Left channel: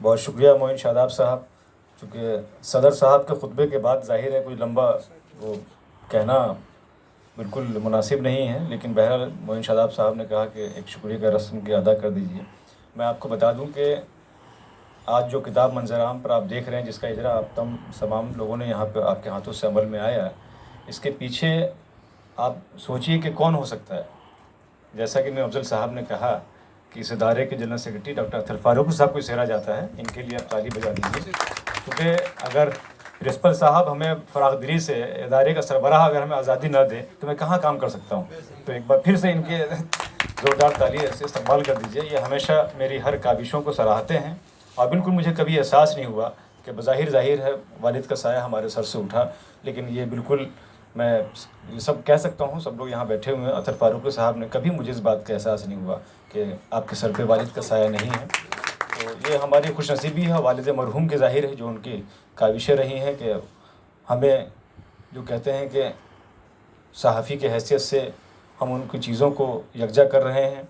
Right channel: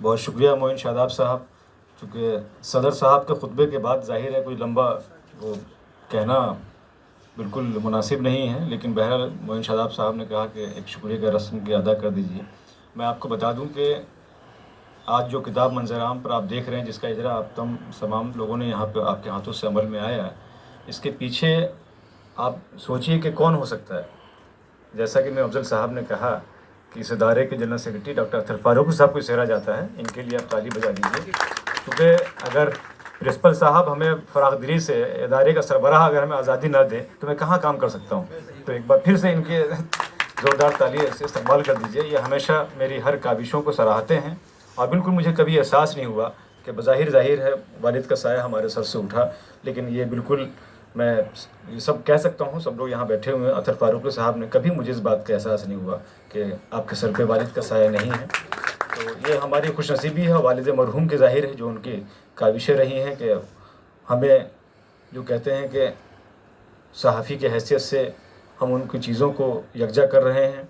بہت شکریہ معین شاداب صاحب، چونکہ صدر صاحب کے خطبے کے بعد ظاہر ہے کوئی لمبا وہ کہنا بالکل مناسب نہیں ہے، لیکن بہرحال معین شاداب صاحب نے کہا کہ ایک شکریہ کا رسم کی ادا کر دیجیے۔ میں آپ کو بتا دوں کہ آج جو کتاب منظر عام پر آپ دیکھ رہے ہیں، جس کا اجرا آپ تمام لوگوں نے یہاں پہ آپ کے ہاتھوں سے عمل میں آیا ہے، اس کے پیچھے آپ سوچئے کہ کون ہو سکتا ہے۔ جیسا کہ میں افضل صاحب نے کہا کہ اس ادارے کے general secretary doctor Akhtar Farooqui sahab کو سہرا جاتا ہے، ان کے لیے آپ تالی بجا دیجیے، کیونکہ اگر پرنسپل صاحب ہمیں فراغ دلی سے ادارے کا سربراہ اگر ہمیں آزادی نہ دے تو میں کہاں کام کر سکتا ہوں۔ تو ایک بار پھر سے ان کے زوردار تالی سے استقبال کر دیجیے۔ یہ ہمیشہ میری ہر کاوشوں کو سراہتے ہیں، اور بالکل مجھے کبھی احساس نہیں ہوا کہ بظاہر ظاہر ہے والد کا سایہ ہمارے سر سے اٹھا، لیکن یہ بالکل میں یہ سب کہہ سکتا ہوں، سب لوگ یہاں بیٹھے ہوئے ہیں، اختر فاروقی صاحب نے کبھی مجھے اس بات کا احساس نہیں ہوا کہ آپ کے سر پہ والد کا سایہ نہیں ہے۔ تو یہ ہماری خوش نصیبی ہے والد مرحوم کے، ظاہر ہے جو ان کی کاوشیں رہی ہیں کہ ہمیں جو کہتے ہیں کہ صحافی کی حیثیت سے ہم ان کی چیزوں کو یکجا کر رہے ہیں،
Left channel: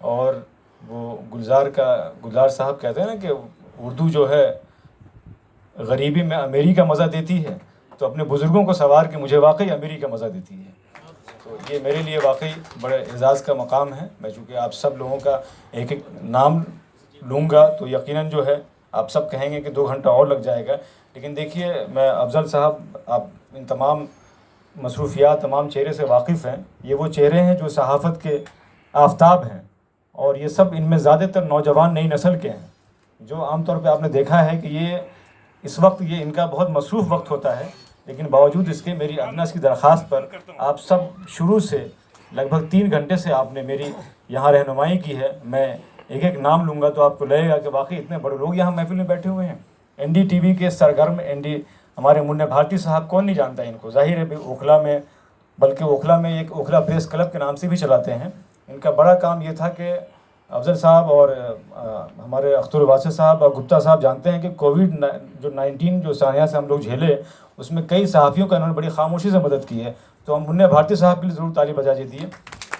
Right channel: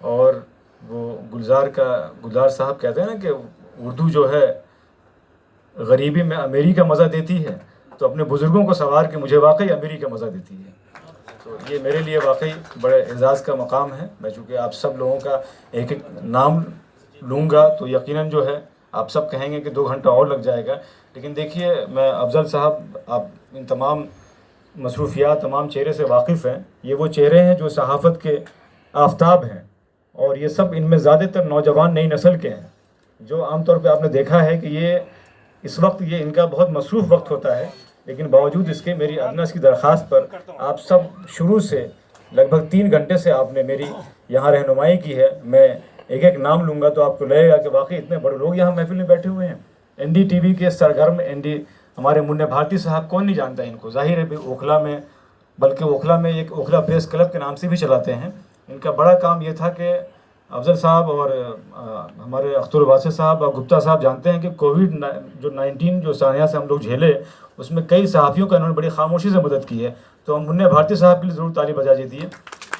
اور وہ گلزار صاحب کہتے ہیں نا کہ اردو جو ہے غریبی میں امیری کا مزہ دیتی ہے، تو اپنے بزرگوں کو سوار کے مجھے واقعی امیری کا مزہ دیتی ہے۔ تو یہ میرے لیے واقعی بڑے اعزاز کا مقام ہے۔ میں چونکہ آپ سب لوگوں کا ایک ایک نام لوں گا تو یقیناً جو ہے آپ سب کہیں گے کہ 2 گھنٹہ اور لگ جائے گا، لیکن دیکھیے میں افضل صاحب، آپ ان تمام مصروفیات، تمام چہرے سے واقف ہیں۔ یہ وہ چہرے ہیں جو صحافت کے آفتاب ہیں، اور یہ سب ان میں زیادہ تر نوجوان نئی نسل کے ہیں، جو عام طور پہ آپ نے دیکھا ہے کہ یہ اس وقت یہ ان کا بہت مصروف وقت ہوتا ہے، لیکن باوجود اس کے میری ادنیٰ کی درخواست پر آپ سب شروع سے لگ بھگ 3 گھنٹے سے آپ نے میری یہاں رہنمائی کی ہے۔ میں ایک ایک نام لوں گا تو آپ کو لگے گا کہ واقعی اتنے بڑے لوگ یہاں محفل میں بیٹھے ہوئے ہیں۔ این ڈی ٹی وی کے سرگرم ہمارے منہ بھارتی صاحب، کون نہیں جانتا ان کو، ظاہر ہے اوکھلا میں، بلکہ اوکھلا میں ایک اوکھلا پریس کلب کے نام سے بھی چلاتے ہیں۔ ان کا بڑا کام یہ تھا کہ افضل صاحب اور ہمارے اختر واسع صاحب اور گپتا صاحب جانتے ہیں کہ کووڈ جو 19 جو سانحہ سے ہم لوگ جھیلے، اس میں کئی صحافیوں کا انہوں نے بڑی خاموشی سے مدد کی ہے۔ تو ہم منہ بھارتی صاحب کے لیے ضرور تالی بجا دیجیے،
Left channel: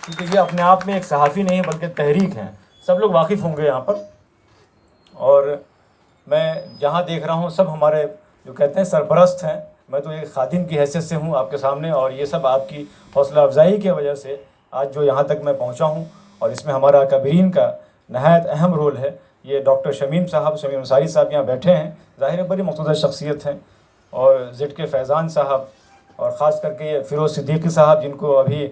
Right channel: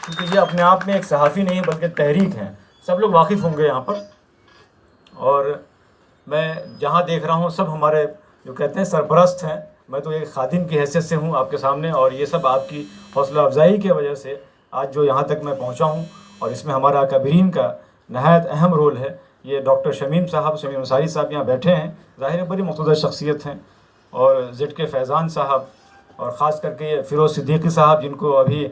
کیونکہ یہ اپنے آپ میں ایک صحافی نہیں بلکہ تحریک ہیں، سب لوگ واقف ہوں گے یہاں پر۔ اور میں جہاں دیکھ رہا ہوں سب ہمارے جو کہتے ہیں سرپرست ہیں، میں تو ایک خادم کی حیثیت سے ہوں آپ کے سامنے، اور یہ سب آپ کی حوصلہ افزائی کی وجہ سے آج جو یہاں تک میں پہنچا ہوں، اور اس میں ہمارا اکابرین کا نہایت اہم رول ہے۔ یہ ڈاکٹر شمیم انصاری صاحب یہاں بیٹھے ہیں، ظاہر ہے بڑی مقتدر شخصیت ہیں، اور زد کے فیضان صاحب، اور خاص کر کے یہ فیروز صدیقی صاحب، جن کو ابھی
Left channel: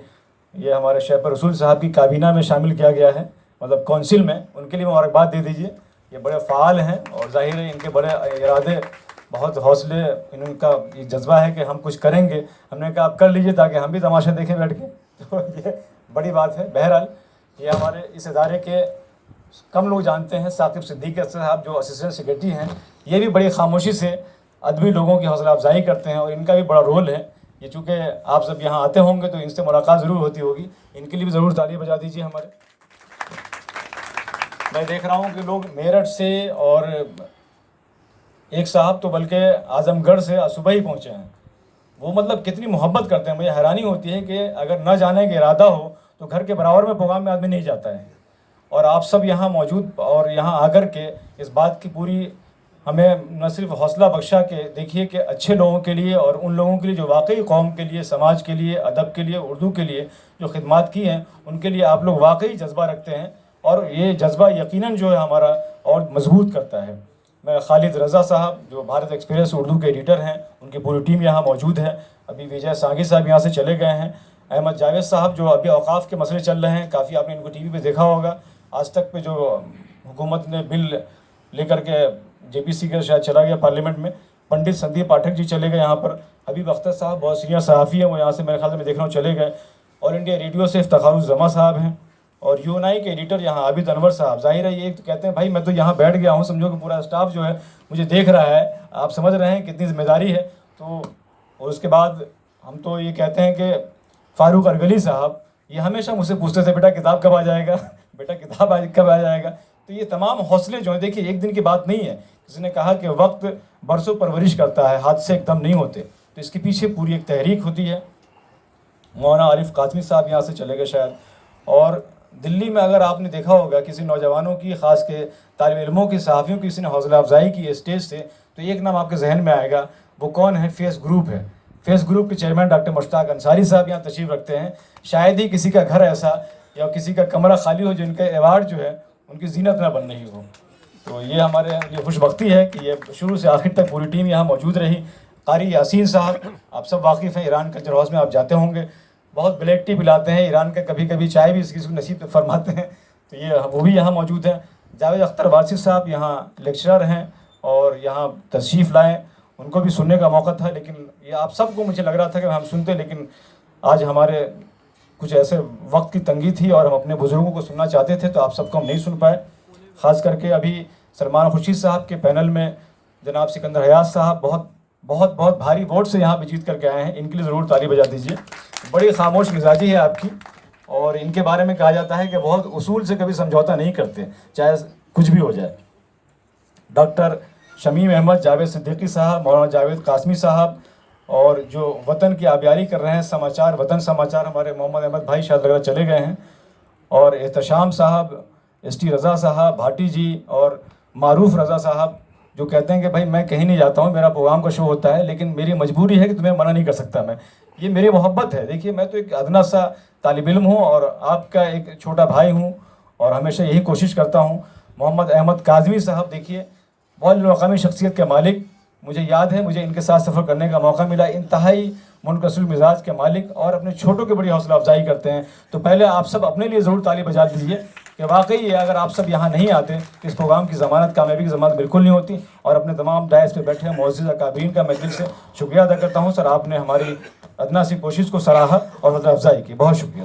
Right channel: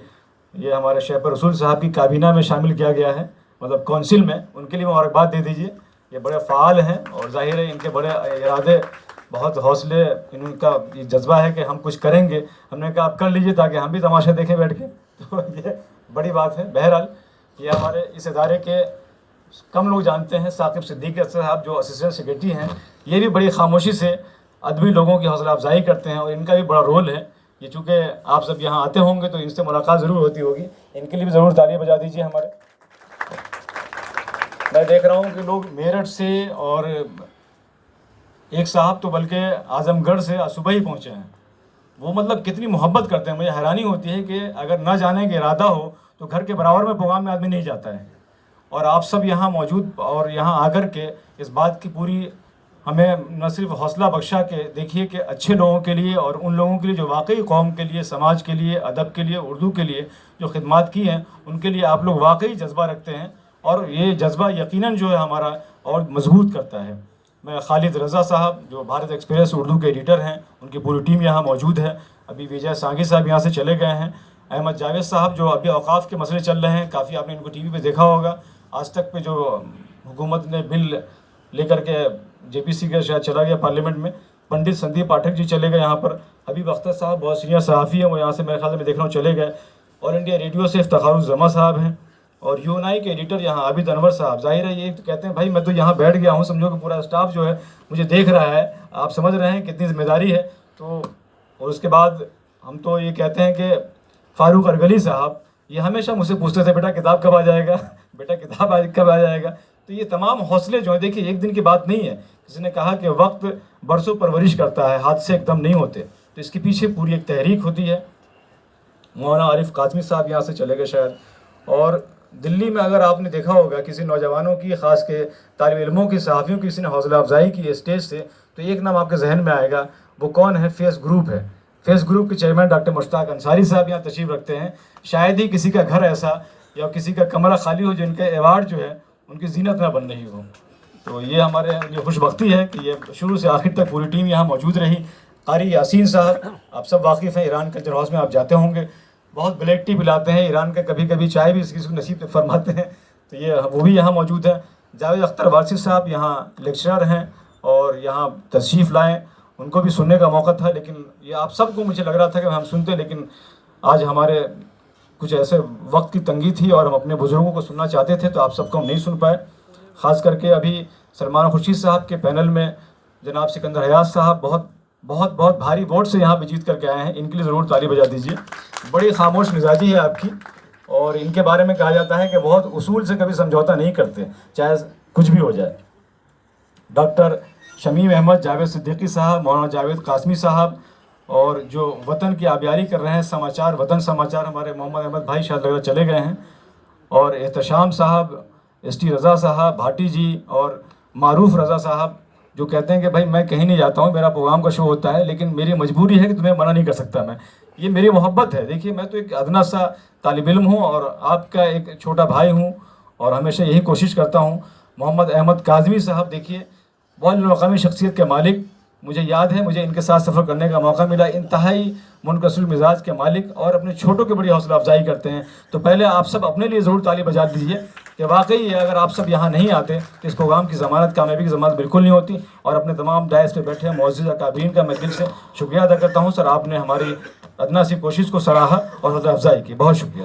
یہ ہمارے شیخ رسول صاحب کی کابینہ میں شامل کیا گیا ہے، مطلب کونسل میں، ان کے لیے مبارکباد دے دیجیے۔ یہ بڑے فعال ہیں، اور ظاہر ہے ان کے بڑے ارادے، بہت حوصلے، ان کا یہ جذبہ ہے کہ ہم کچھ کریں گے۔ ہم نے کہا آپ کر لیجئے تاکہ ہم بھی تماشا دیکھیں بیٹھ کے، تو یہ بڑی بات ہے۔ بہرحال یہ ہمارے اس ادارے کے کم لوگ جانتے ہیں، ثاقب صدیقی صاحب جو اسسٹنٹ سیکرٹری ہیں، یہ بھی بڑی خاموشی سے ادبی لوگوں کی حوصلہ افزائی کرتے ہیں، اور ان کا بھی بڑا رول ہے۔ یہ چونکہ آپ سب یہاں آتے ہوں گے تو ان سے ملاقات ضرور ہوتی ہوگی، ان کے لیے بھی ضرور تالی بجا دیجیے ہمارے۔ میں دیکھ رہا ہوں کہ لوگ میرٹھ سے، اور ایک صاحب تو بلکہ اعظم گڑھ سے صبح ہی پہنچے ہیں۔ وہ مطلب کتنی محبت کرتے ہیں، مجھے حیرانی ہوتی ہے کہ اگر نہ جانے کا ارادہ ہو تو گھر کے برابر میں پروگرام میں آدمی نہیں جاتا ہے، اور آپ سب یہاں موجود اور یہاں آ کر کے اس بات کی پوری ہمیں نہ صرف حوصلہ بخشا کہ دیکھیے کہ اچھے لوگوں کے لیے، اور ان لوگوں کے لیے جو واقعی قوم کے لیے، سماج کے لیے، ادب کے لیے، اردو کے لیے جو خدمات کی ہیں، ان کے لیے آپ لوگ واقعی جذبہ رکھتے ہیں، اور یہ جذبہ یقیناً جو ہے ہمارا اور مضبوط کرتا ہے۔ میں خالد رضا صاحب جو بھارت ایکسپریس اردو کے ایڈیٹر ہیں، ان کی پوری ٹیم یہاں موجود ہے۔ ابھی وجے سانگھی صاحب یہاں سے چلے گئے ہیں۔ احمد جاوید صاحب جو ابھی اوقاف کے مسئلے چل رہے ہیں، کافی آپ نے ان کو ٹی وی پہ دیکھا ہوگا، آج تک پہ جو حکومت نے بل لے کر کے جے پی سی کے شاید چلا گیا پارلیمنٹ میں۔ پنڈت سندیپ پاٹھک جی چلے گئے یہاں پر۔ حبیب اختر صاحب بہت سینئر صحافی ہیں، وہ یہاں سے میرے خیال میں دیکھ رہا ہوں چلے گئے۔ اور انڈیا ریڈیو سے افتخار الزما صاحب ہیں، اور یو این آئی کے ایڈیٹر یہاں عابد انور صاحب۔ ظاہر ہے یہ کہتے ہیں بھائی میں تو یہاں بیٹھ گیا ہوں، سمجھو کہ پورا اسٹاف جو ہے مجھے دیکھ رہا ہے، آپ سمجھ رہے ہیں کتنی ذمہ داری ہے۔ تو اور اس کے بعد ہم تو یہ کہتے ہیں کہ فاروق ارگلی صاحب، یہ ہمیشہ مجھ سے پوچھتے تھے بیٹا کتاب کب آ جائے گا، بیٹا کتاب کب آ جائے گا۔ تو یہ تمام حوصلے جو ہیں، دیکھیے ایک دن کی بات نہیں ہے، کسی نے کہا کہ وقت برسوں پرورش کرتا ہے، حادثے ایک دم نہیں ہوتے، تو اس کے پیچھے پوری ایک تحریک ہوتی ہے۔ مولانا عارف قاسمی صاحب یہاں سے چلے گئے شاید، اور دلی میں اگر آپ نے دیکھا ہوگا کسی نوجوانوں کی، خاص کے طالب علموں کی، صحافیوں کی کسی نے حوصلہ افزائی کی اسٹیج سے، تو ایک نام آپ کے ذہن میں آئے گا، وہ کون ہے؟ فیس گروپ ہے۔ فیس گروپ کے چیئرمین ڈاکٹر مشتاق انصاری صاحب یہاں تشریف رکھتے ہیں۔ شاید ہی کسی کا گھر ایسا یا کسی کا کمرہ خالی ہو جن کے ایوارڈ جو ہے ان کی زینت نہ بن رہی ہو۔ تو یہ ہمارے لیے خوش بختی ہے کہ یہ شروع سے آخر تک پوری ٹیم یہاں موجود رہی۔ قاری یاسین صاحب، آپ سب واقف ہیں، ایران کلچر ہاؤس میں آپ جاتے ہوں گے، بہت بلیک ٹی پلاتے ہیں ایران کا، کبھی کبھی چائے بھی کسی کو نصیب فرماتے ہیں، تو یہ وہ بھی یہاں موجود ہیں۔ جاوید اختر وارثی صاحب یہاں لیکچرر ہیں اور یہاں تشریف لائیں، ان کو بھی سننے کا موقع تھا، لیکن یہ آپ سب کو مجھے لگ رہا تھا کہ ہم سنتے، لیکن آج ہمارے کچھ ایسے وقت کی تنگی تھی اور ہم اپنے بزرگوں کو سننا چاہتے تھے، تو آپ سب کو ہم نہیں سن پائے۔ خاص کر کے ابھی سلمان خورشید صاحب کے پینل میں جناب سکندر حیات صاحب بہت بھاری ووٹ سے یہاں پہ جیت کر کے آئے ہیں، ان کے لیے ضرور تالی بجا دیجیے۔ بڑی خاموش مزاجی ہے آپ کی، اور ان کے بارے میں کہا جاتا ہے کہ بہت اصول سے کبھی سمجھوتا نہیں کرتے، چاہے کچھ بھی ہو جائے۔ ڈاکٹر شمیم احمد، جاوید صدیقی صاحب، مولانا جاوید قاسمی صاحب، اور جو وطن کی آبیاری کر رہے ہیں سماچار، وطن سماچار، ہمارے محمد احمد بھائی شاید لگ رہا چلے گئے ہیں، اور احتشام صاحب، ایس ٹی رضا صاحب، بھاٹی جی، اور معروف رضا صاحب، جو کہتے ہیں کہ بھائی میں کہیں نہیں جاتا ہوں، میرا پروگرام کا شو ہوتا ہے، لیکن میری مجبوری ہے کہ تمہیں منع نہیں کر سکتا میں، یہ میری محبت ہے۔ دیکھیے میں تو ایک ادنا سا طالب علم ہوں اور آپ کا ایک چھوٹا بھائی ہوں، اور ہمیشہ یہی کوشش کرتا ہوں۔ محمد احمد کاظمی صاحب، دیکھیے بین الاقوامی شخصیت کے مالک، مجھے یاد ہے مجھے ان کے ساتھ سفر کرنے کا موقع ملا، انتہائی منکسر مزاج کے مالک، اور اپنے چھوٹوں کی بڑی حوصلہ افزائی کرتے ہیں۔ تو پہلے آپ سب اپنے لیے ضرور تالی بجا دیجیے کہ واقعی اگر آپ سب یہاں نہیں آتے تو اس پروگرام کی ضمانت، کامیابی کی ضمانت بالکل نہیں ہوتی۔ اور اپنے تمام ڈائس پہ بیٹھے معزز اکابرین کا میں دل سے شکریہ ادا کرتا ہوں۔ سر، آپ نے ہماری ادنا سی کوشش کو سراہا اور حوصلہ افزائی کی، بہت شکریہ۔